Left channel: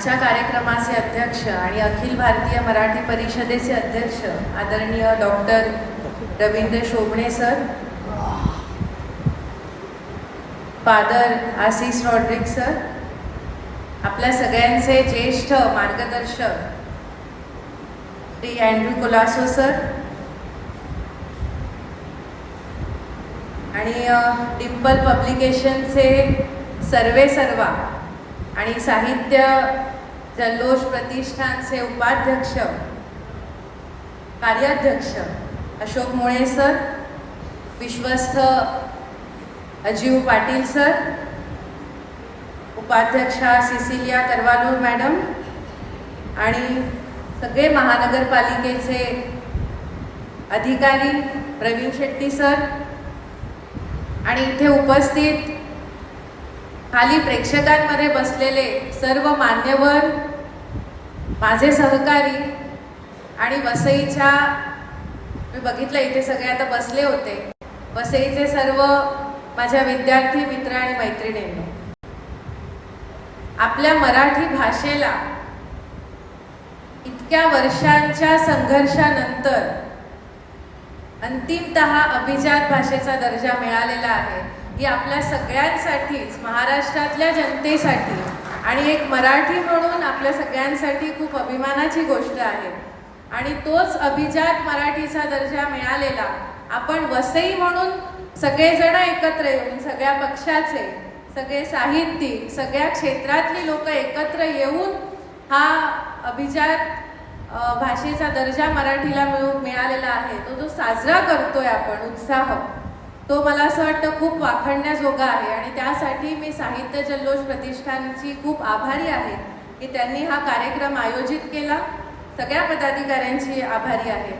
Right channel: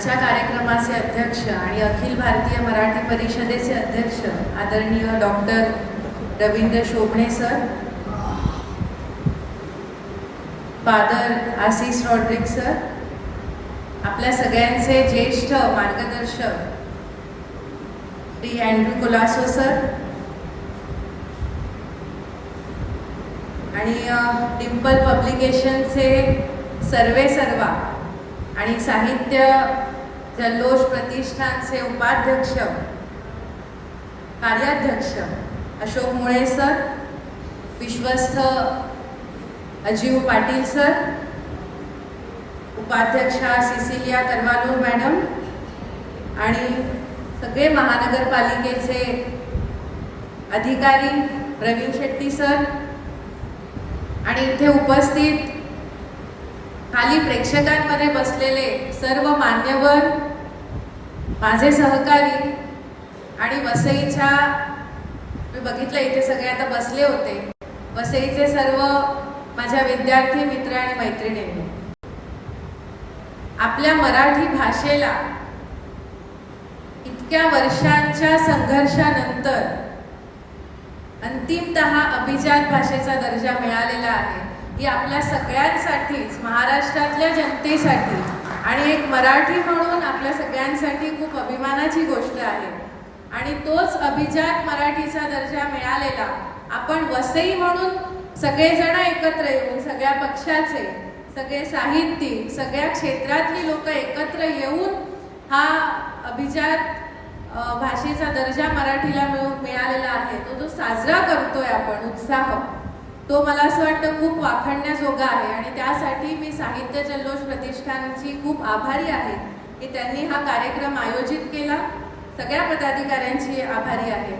कार्यक्रमाचे अध्यक्ष आणि अखिल भारतीय मराठी परिषदेचे अध्यक्ष आदरणीय doctor Ravindra Shobhane sir father Ashish Rodrick sir आपल्या सगळ्यांचे ज्येष्ठ मार्गदर्शक श्री अँड्रू कोलासो सर आणि डिम्पल पब्लिकेशनचे सर्वे सर्वा आणि साहित्य जल्लोष प्रतिष्ठानचे उपाध्यक्ष कार्याध्यक्ष अशोक मुळे सर विश्वस्त अजीव पाटील सर उपाध्यक्षा सिसिलिया करवानूर मॅडम आणि सगळे महानगरपालिकेचे अधिकारी प्रवीण शेट्टी सर. आणि इथे उपस्थित खाली प्रेक्षकांमध्ये बसलेले सर्व मान्यवर माझे सहकारी आणि वसईच्या मी बघितलं इथे सगळे आता बसले होते. वसईचे सर्व माझ्या विद्यार्थी मित्र आणि मैत्रिणींनी आपल्या मराठी भाषेला इतक्या वर्षांच्या संघर्षानंतर अंतिमत अभिजात भाषेचा दर्जा मिळालेला आहे. ही आपल्या सगळ्यांसाठीच महाराष्ट्रातल्या जनतेसाठी आणि एक मराठी म्हणून आपल्या सगळ्यांसाठी खूप अभिमानाची गोष्ट आहे. आणि तोच अभिजात मराठीचा दर्जा मिळालेला आपण वसई म्हणून सगळेजण एकत्र येऊन सगळ्या पक्षाचे सगळे साहित्यिक सगळ्या क्षेत्रातली लोक एकत्र येऊन हा अभिजात भाषेचा दर्जा मराठीला मिळू मिळालेला आहे. तो जो साजरा करतोय आपण उत्साह. तो मला असं वाटतं खूप वाखडण्याजोगा आहे आणि त्यासाठी मी साहित्य जल्लोष प्रतिष्ठानची खूप आभारी आहे की त्यांनी हा कार्यक्रम आयोजित केला. सगळ्या पदाधिकाऱ्यांची आभारी आहे.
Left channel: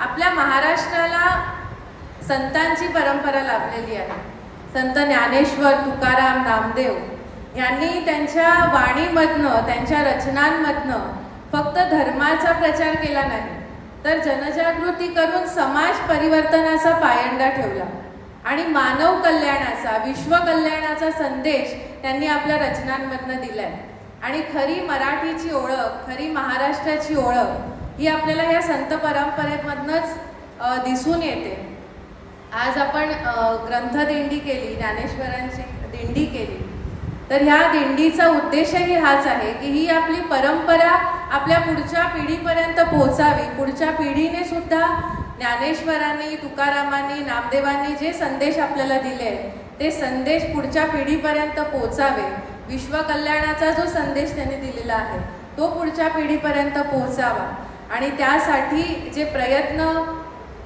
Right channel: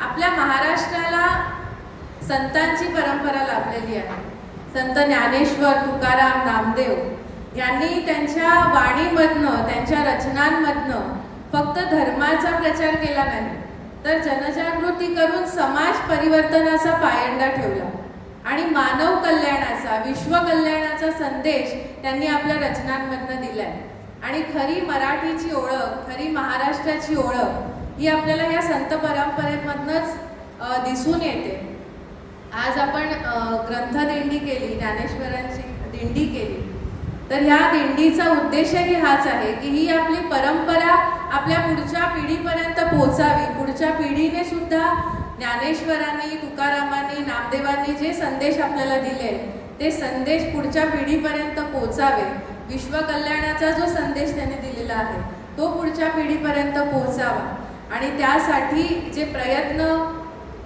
आपल्या महाराष्ट्राला संतांची परंपरा लाभलेली आहे. संत ज्ञानेश्वर तुकाराम नामदेव यांनी त्यांच्या वाणीमधनं त्यांच्या रचनांमधनं फक्त धर्माचा प्रचार केला नाही तर जनजागृती करून समाज परिवर्तनाचा पायंडा ठेवला. आणि मानव कल्याणाचा विश्व कल्याणाचा संदेश त्यांनी आपल्या रचनांमधनं दिलाय. आणि खरी मराठीची ओळख खरी महाराष्ट्राची ओळख ही आपल्याला या संत परंपरेमधनच दिसून येते. आज आपण ग्रंथ ग्रंथदिंडी केली ज्ञानेश्वरांची दिंडी केली. तर ह्या दिंडीचा उद्देशही हाच आहे की ही आपली परंपरा आपल्या पुढच्या पिढीपर्यंत पोहोचावी. पुढच्या पिढीने सुद्धा ज्ञानेश्वरांनी तुकारामांनी नामदेवांनी जे संदेश आपल्याला दिले ते संदेश पुढच्या पिढीपर्यंत पोहोचावे. विश्वकल्याणाचा जो संदेश त्यांनी दिलेला आहे तो पुढच्या पिढीपर्यंत पोहोचावा. आणि त्यासाठी जे प्रयत्न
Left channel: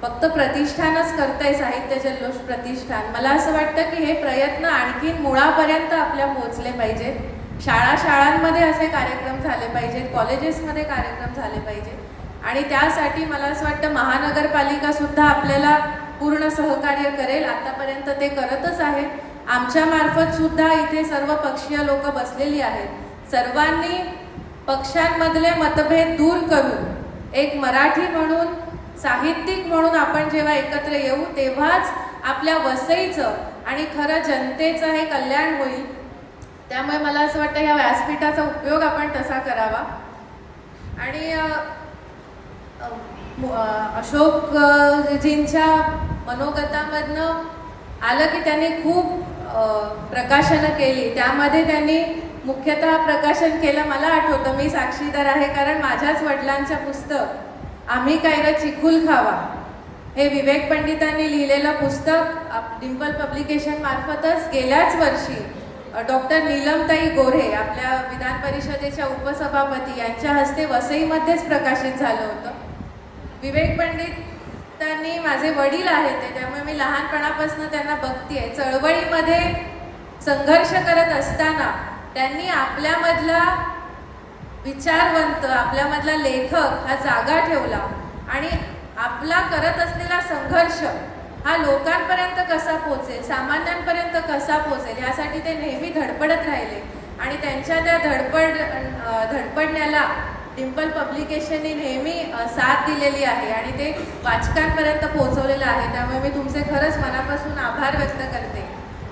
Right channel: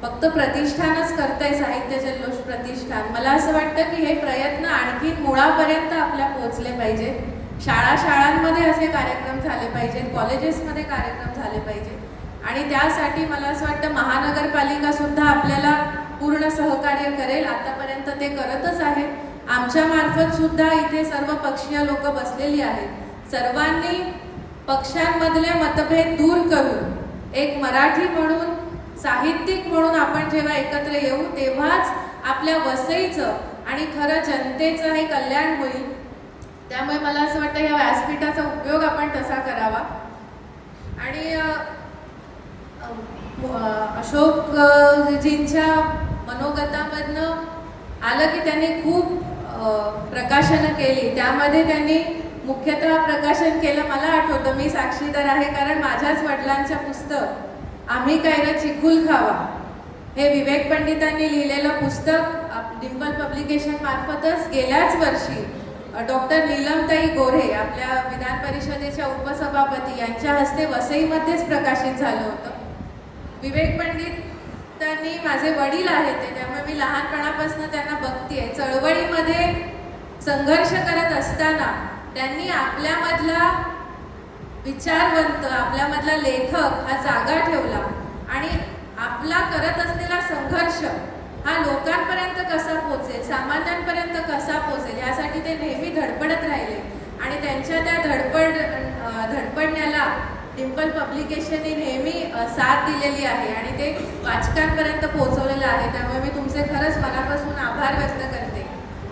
फक्त प्रतिष्ठानच करतंय साहित्य जल्लोष प्रतिष्ठान मला असं वाटतं की हे प्रयत्न आणखीन मुळापर्यंत आपल्या पोहोचले पाहिजेत. शाळा शाळांमध्ये असे कार्यक्रम झाले पाहिजेत कॉलेजेसमध्ये कार्यक्रम झाले पाहिजेत. आणि त्यासाठी मला असं वाटतं महानगरपालिका सुद्धा आपल्याला पूर्ण सहकार्य करेल. आतापर्यंत ते करतच आहे. आमच्या मार्फत सुद्धा इथे सर्व पक्षीय लोक बसलेली आहेत. सर्वांनी पक्षांमधले मतभेद दूर करून एक मराठी म्हणून साहित्यिक म्हणून आपण जेव्हा एकत्र येऊ तेव्हाच आपल्या वसईचं आणि खरं जनतेचं हे कल्याण होईल. त्यामुळे मला असं वाटतं ह्या व्यासपीठाचा उपयोग आपण तसा करावा. आणि अशोकजींच्या मनोगतामधनं आलं की त्यांनी खूप प्रकाशनं केली. त्यामध्ये त्यांनी मुख्यतः प्रकाशन केलं मला आठवतं. मी साक्षीदार आहे कारण माझ्याच वडिलांचं पुस्तक आम्ही काय ना चिखुल खावा? हे विवेक पंडितांनी लिहिलेलं पुस्तक आप- डिंपल पब्लिकेशन मार्फतच गेल्याच वर्षी डॉक्टर नीलमताई गोरे आपल्या विधान परिषदेच्या उपसभापती यांच्या हस्ते वसईमध्येच प्रकाशित झालं होतं. विवेक पंडितांनी माझे वडील आहेत ते त्यामुळे मी लहानपणापासून त्यांना बघते चळवळीमध्ये संघर्ष करत असताना त्यांनी आपल्यामधला विचारवंत आपल्यामधला लेखक हा जागा ठेवला आणि आपला करत असलेला संघर्ष हा लोकांपर्यंत कसा पोचेल सामान्यांपर्यंत कसा पोचेल यासाठी ते नेहमी धडपडत राहिले. आणि त्यांच्या त्या धडपड धडपडण्याला डिम्पल पब्लिकेशनने नेहमी साथ दिलेली आहे आणि ते वाचकांपर्यंत पोहोचवलेलं आहे. त्यामुळे मी तुमचे खरंच मनापासून आभार व्यक्त करते.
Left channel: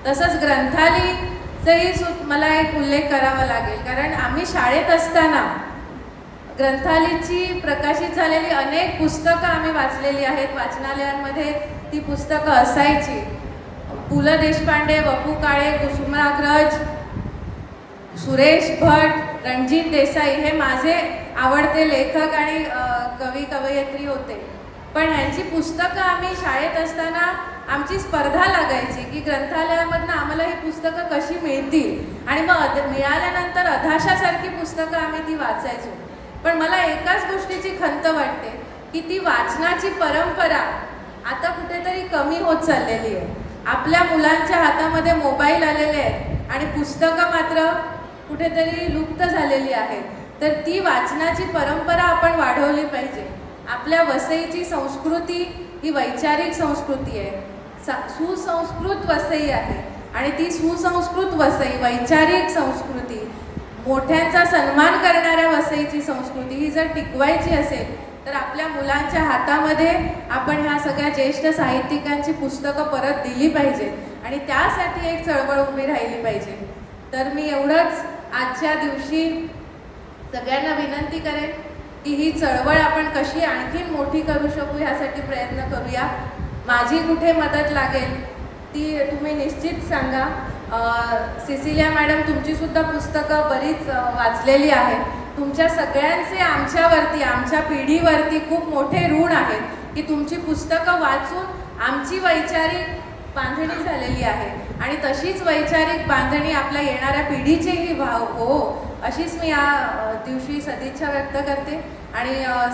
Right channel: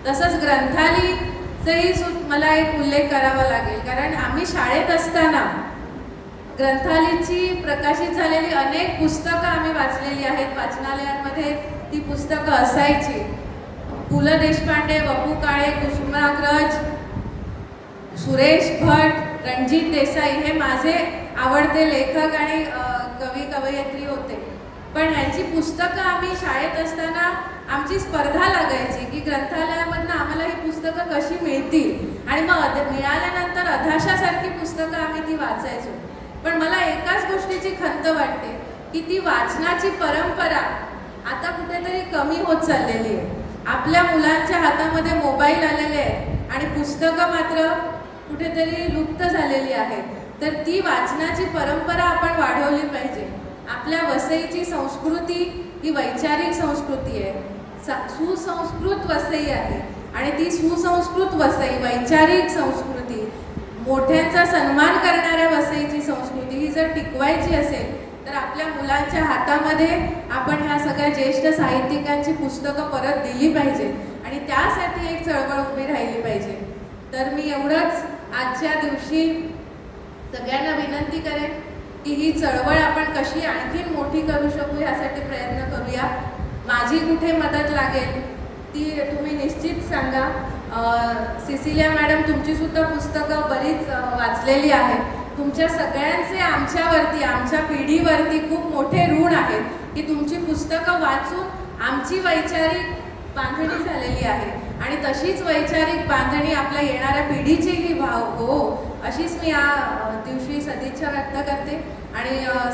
तसंच ग्रंथालयचंही सु मला एक उल्लेख करावा लागेल. कारण आम्ही शाळेत असताना ग्रंथालयची प्रकाशित झालेली अनेक पुस्तकं आम्ही वाचलेली आहेत. वाचनालयांमध्ये ती पुस्तकं असायची. पु ल देशपांडे वपू काळे कुसुमाग्रज सुरेश भट रणजित देसाई हे माझे आवडते लेखक आणि कवी कवयित्री होते. पण ह्यांची पुस्तकं आम्ही शाळेत असताना आमची स्पर्धा लागायची की ग्रंथालयामधनं आम्हाला ही पुस्तकं कशी मिळतील? आणि मग अध मिळाल्यानंतर अधाशासारखी पुस्तकं आम्ही ती वाचायचो. पण मला एकाच गोष्टीची खंत वाटते की ती वाचनाची परंपरा आता कुठेतरी कमी होत चाललेली आहे. आपल्या मुलांच्या हातामध्ये मोबाईल आलेले आहेत आणि पुस्तकं मात्र कुठेतरी लुप्त झालेली आहे. तर ती वाचनाची परंपरा आपण वाढवली पाहिजे. आपल्या वसईची संस्कृती ही वैचारिक संस्कृती आहे. सुसंस्कृत वसई आहे. आणि ती सुसंस्कृत वसई वैचारिक संस्कृती. मोठ्यांचा सन्मान करणाऱ्या वसईची संस्कृती ही जर टिकवायची असेल तर आपल्या मुलांच्या हातामध्ये आपण ह्या सगळ्या ज्येष्ठ साहित्यिकांची पुस्तकं परत दिली पाहिजे. आणि त्यासाठी एक चळवळ उभी राहिली पाहिजे. तर मी एवढंच आजच्या दिवशी सगळ्यांना विनंती करेन की ही चळवळ आपण कशी आणखीन मोठी करू शकू ह्यासाठी प्रयत्न करूया. माझी कुठे मदत लागेल ती तुम्ही निश्चित सांगा. सिसिलिया मॅडम तुमचीसुद्धा पुस्तकं बरीच वाचलेली आहेत. तुमच्या सगळ्यांचे आमच्यावरती आमच्या पिढीवरती खूप मोठे ऋण आहेत की तुमची पुस्तकं वाचून आमची वैचारिक बांधणी झालेली आहे. आणि तशीच वैचारिक बांधणी आपल्या येणाऱ्या पिढीचीही भाव हो. अशीच मी या दिवशी सदिच्छा व्यक्त करते. आणि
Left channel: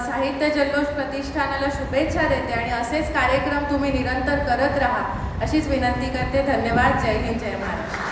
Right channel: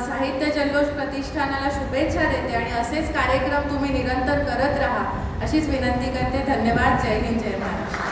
साहित्य जल्लोष प्रतिष्ठानाला शुभेच्छा देते आणि असेच कार्यक्रम तुम्ही निरंतर करत राहा. अशीच विनंती करते. धन्यवाद. जय हिंद. जय महाराष्ट्र.